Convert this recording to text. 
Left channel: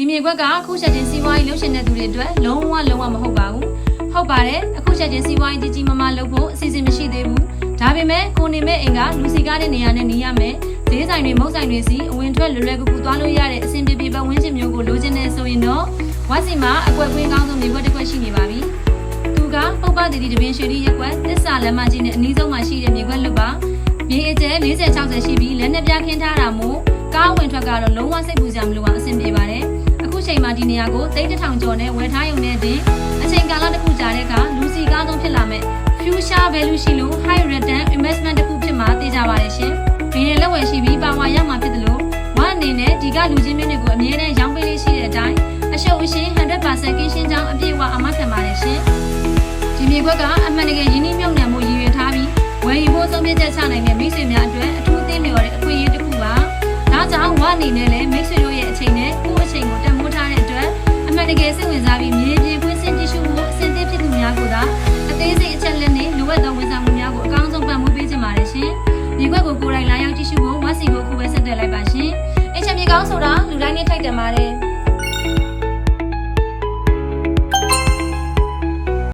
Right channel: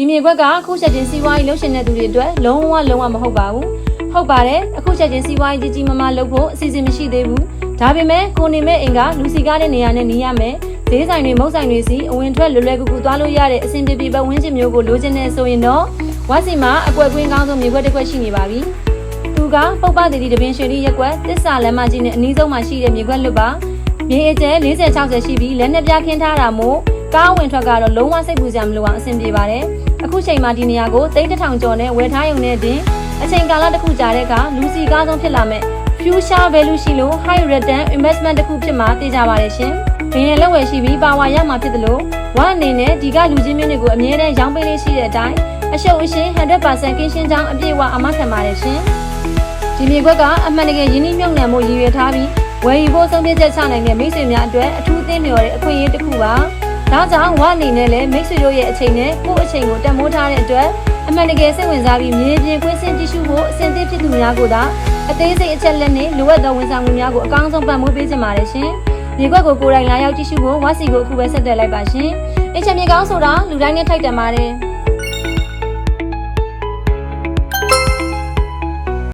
ဒီမြေခွက်ကအခုချက်ချင်းစီးပွားရေးလုပ်ရှင်တဲ့သူတွေအတွက်လုံးဝမဟုတ်ပါဘူးဟုတ်ပါတယ်အခုချက်ချင်းစီးပွားရေးကြီးမားလုပ်ဖို့အစီအစဉ်မရှိသေးဘူးဒါပေမဲ့ကိုနေမဲ့အိမ်ကလူစီကားတဲ့နေရာနဲ့နေရမယ်ဈေးဆိုင်တွေမုတ်ဆိုင်တွေစီအဝင်ထွက်လွယ်ကူသွားလို့ရတဲ့အဆင်ပြေပတ်ဝန်းကျင်မျိုးကိုလိုချင်နေဆိုရင်တော့ဝက်စီမှာအကွက်ကွင်းကောင်းဆုံးမြေခွက်တစ်ခွက်ရှိနေပါပြီသူကပုပ္ပတိတပင်ရွှေရီရက်ကွက်တစ္ဆာလမ်းမကြီးနဲ့အနီးဆုံးမှာရှိတဲ့မြေခွက်လွတ်ပါမြေအကျဲ40-60ရှိပြီးလက်နဲ့ပြခင်းထားတာမို့ကားဝင်ထွက်ကတော့လုံးဝစိတ်ပူစရာမလိုအောင်အဆင်ပြေပါတယ်အခုချိန်မှာဒီနေရာကို3000ကျော်နဲ့ဝယ်ထားရုံနဲ့တင်အချိန်ကာလတစ်ခုကြာတဲ့အခါလူစီကားဆုံးဖြစ်လာမဲ့ future value ရှိလို့ high return investment တစ်ခုဖြစ်မှာသိကြပါတယ်ရှင်။ဘယ်နဲ့လက်ဝယ်ရှိပြီးပါဝါရမှာဖြစ်တယ်လို့ဝမ်အနေနဲ့ဒီကလူချင်းမျိုးတွေကိုအမြဲတမ်းရောင်းပေးလေးရှိတဲ့အတိုင်းအရှုပ်အရှင်း 100% ကင်းရှင်းကြောင်းအပြည့်အဝအမခံပါတယ်ရှင်။ဒီမြေခွက်ကအမှန်တကယ်ရင်းနှီးမြှုပ်နှံမှုရည်ရွယ်ထားပြီးဝယ်ယူဖို့ဆုံးဖြတ်ချက်ချနိုင်တဲ့မိတ်ဆွေများအတွက်အထူးသင့်လျော်တဲ့အခွင့်အရေးတစ်ခုပါ။ဒါကြောင့်ဝမ်အနေနဲ့လည်းမိတ်ဆွေတို့ရဲ့အချိန်နဲ့ကိုယ့်အချိန်ကိုတန်ဖိုးထားတဲ့အတွက်အမှန်တကယ်စိတ်ဝင်စားပြီးမြေပြင်ကွင်းဆင်းကြည့်ရှုဖို့အဆင်သင့်ဖြစ်သူများကိုသာအသေးစိတ်အချက်လက်နဲ့လိုအပ်သောဝန်ဆောင်မှုများကိုအကောင်းဆုံးပံ့ပိုးပေးချင်ပါတယ်ရှင်။မြေခွက်ကိုကိုယ်တိုင်လာရောက်ကြည့်ရှုဖို့ဝါစီကိုအခုပဲဆက်သွယ်လိုက်ပါရှင်။အချက်မြေကောင်းဆိုတာလူတိုင်းနဲ့ထိုက်တန်ပါတယ်။